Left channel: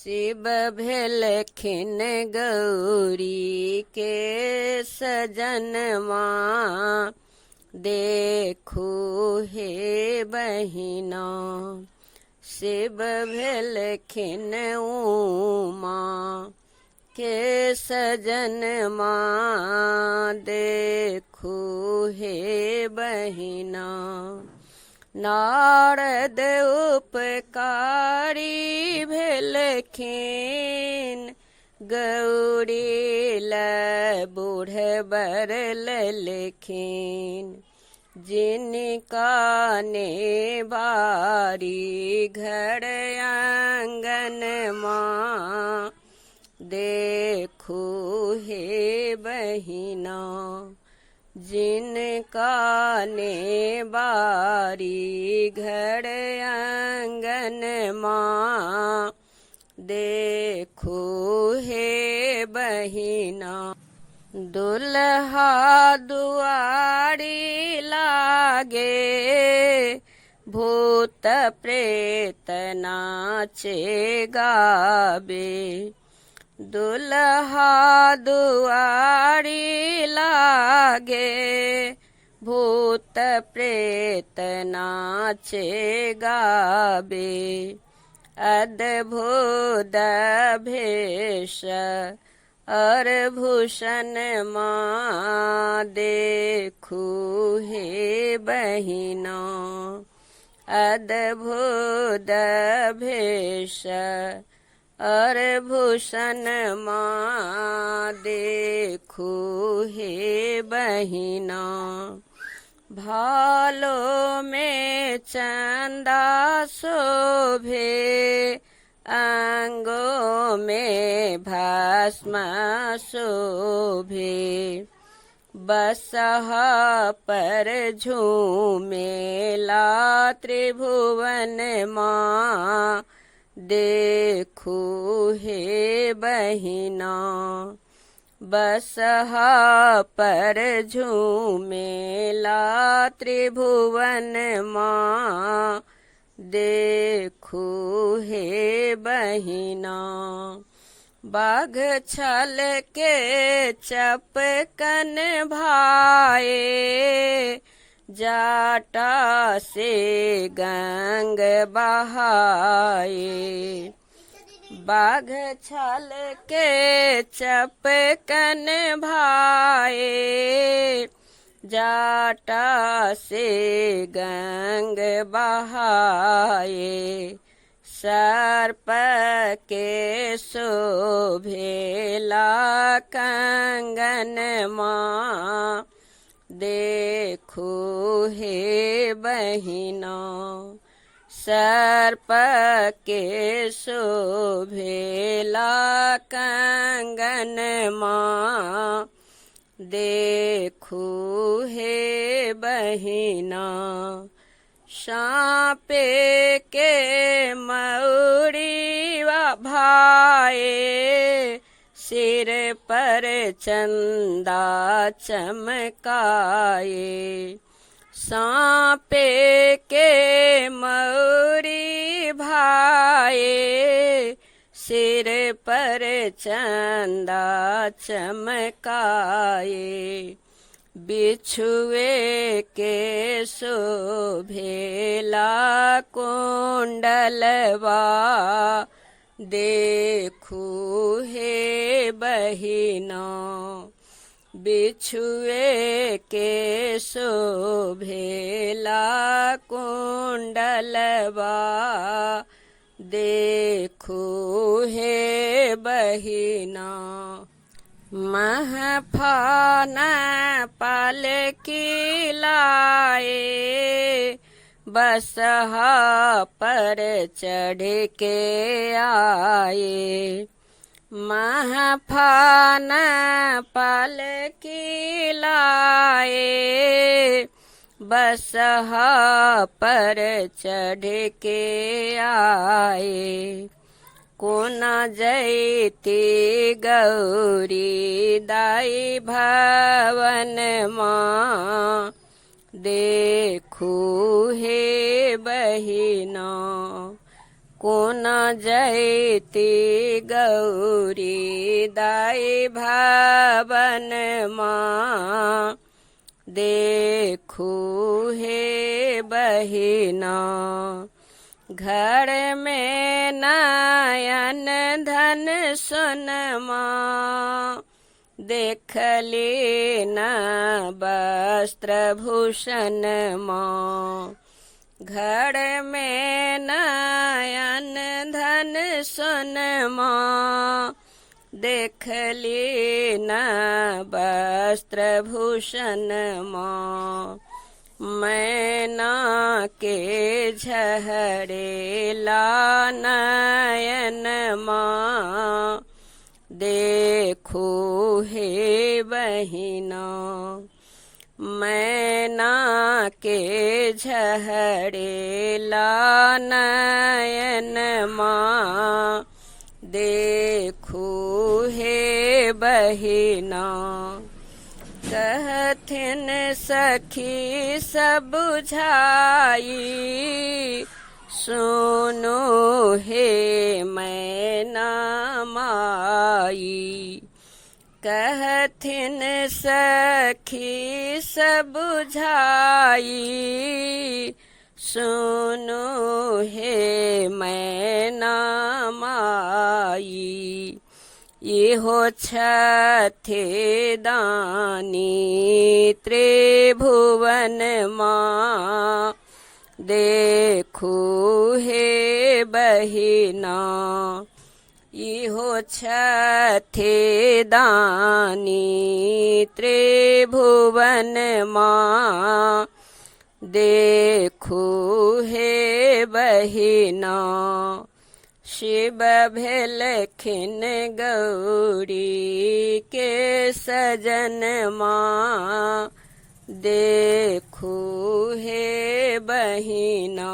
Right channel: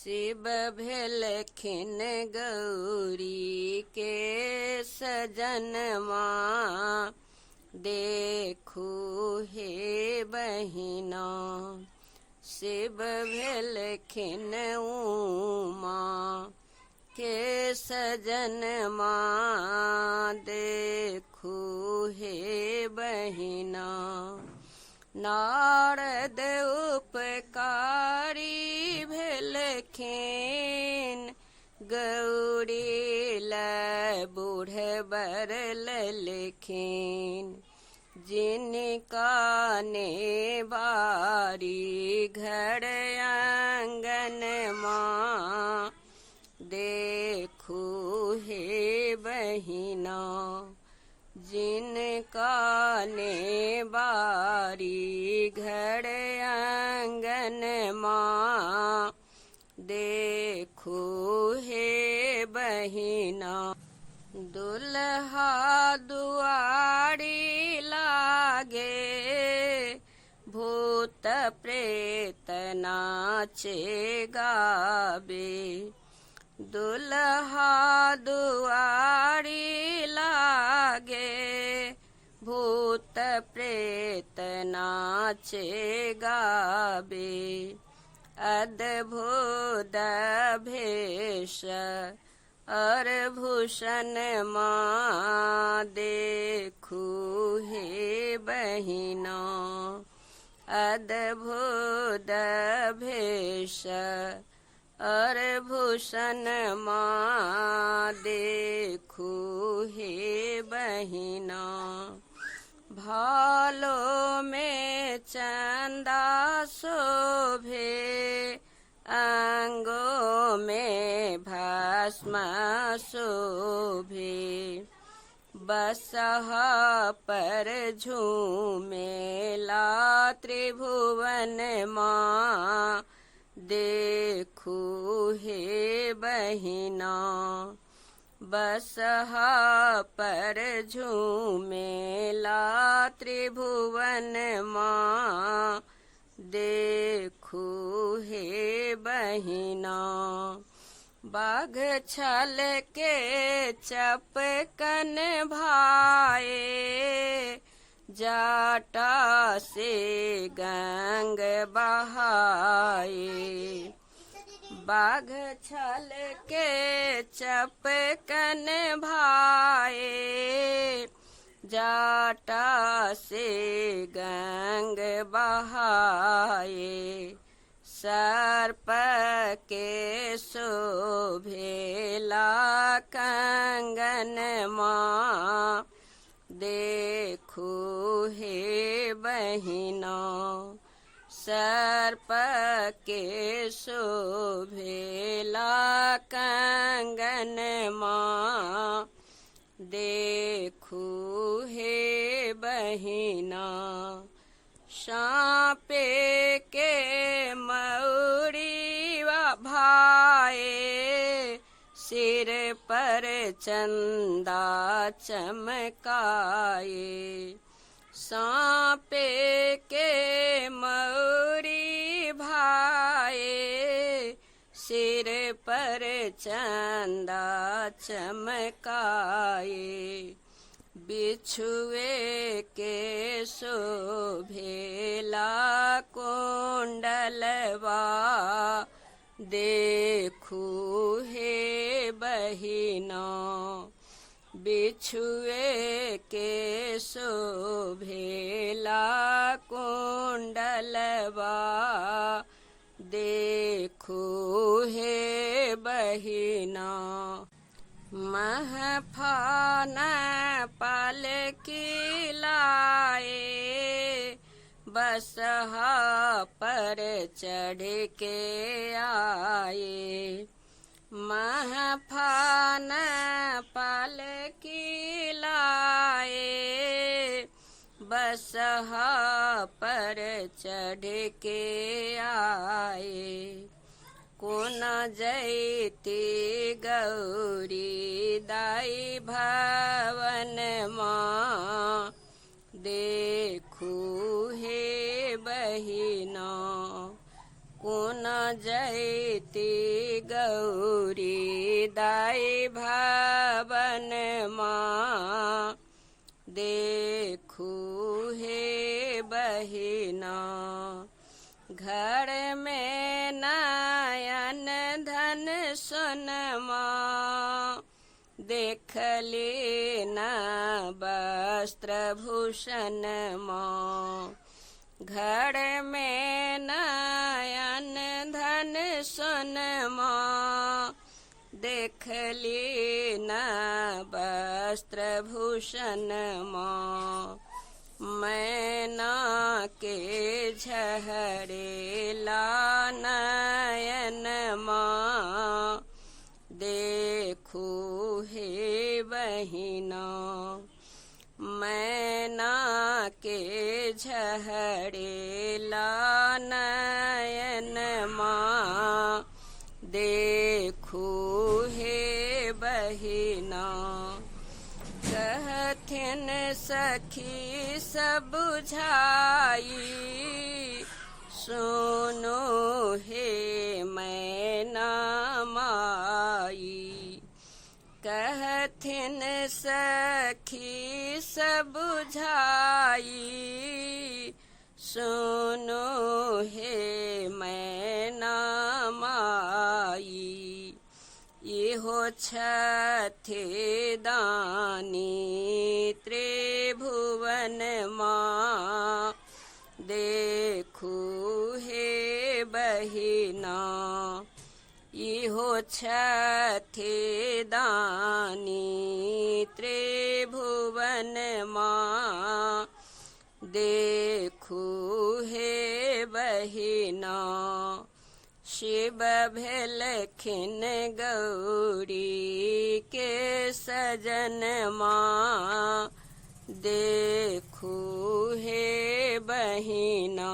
शिव भेलखिन गौरी के सजनवा, देखू हे बहिना। शिव भेलखिन उमा के सजनवा, देखू हे बहिना। नारद उपकारी भेलखिन गौरी लै बूढ़ बर ललखिन। जिनका ने बारी घर आंगन माँ, देखू हे बहिना। जिनका ने बारी घर आंगन माँ, देखू हे बहिना। दुल्हा दुआरी लागे, भूत प्रेत नाचे गावे। दुल्हा दुआरी लागे, भूत प्रेत नाचे गावे। अद्भुत भेष और भूषण माँ, देखू हे बहिना। अद्भुत भेष और भूषण माँ, देखू हे बहिना। भालो में चंदा शोभे, अंगों में भस्म शोभे। बसहा पर झूमेला त्रिभुवन माँ, देखू हे बहिना। बसहा पर झूमेला त्रिभुवन माँ, देखू हे बहिना। बाघ छल के चपकन भाए, जाटा से गंग बहाए। बाघ छल के चपकन भाए, जाटा से गंग बहाए। सर्प के शोभेला कंगन माँ, देखू हे बहिना। सर्प के शोभेला कंगन माँ, देखू हे बहिना। साँपे के मौरी भाए, सिर पर चंदा चमकाए। साँपे के मौरी भाए, सिर पर चंदा चमकाए। बिछुए के शोभेला कुंडलवा, देखू हे बहिना। बिछुए के शोभेला कुंडलवा, देखू हे बहिना। महफान पालकी लाए, बसहा पर चढ़ के आए। महफान पालकी लाए, बसहा पर चढ़ के आए। कोना जयती गौरी दाई भवन माँ, देखू हे बहिना। कोन जयती गौरी दाई भवन माँ देखू हे बहिना घर में नयन धन सोनमा देखली न वस्त्र भूषण माँ घर में नयन धन सोनमा देखली न वस्त्र भूषण माँ मैना के झहरेला नयन माँ देखो हे बहिना मैना के झहरेला नयन माँ देखो हे बहिना कहथिन सखी सब बुझाई सुनो हे मैना माई कहथिन सखी सब बुझाई सुनो हे मैना माई इहो छथे दानी त्रिभुवन माँ देखू हे बहिना इहो छथे दानी त्रिभुवन माँ देखू हे बहिना शिव भेलखिन गौरी के सजन माँ देखू हे बहिना।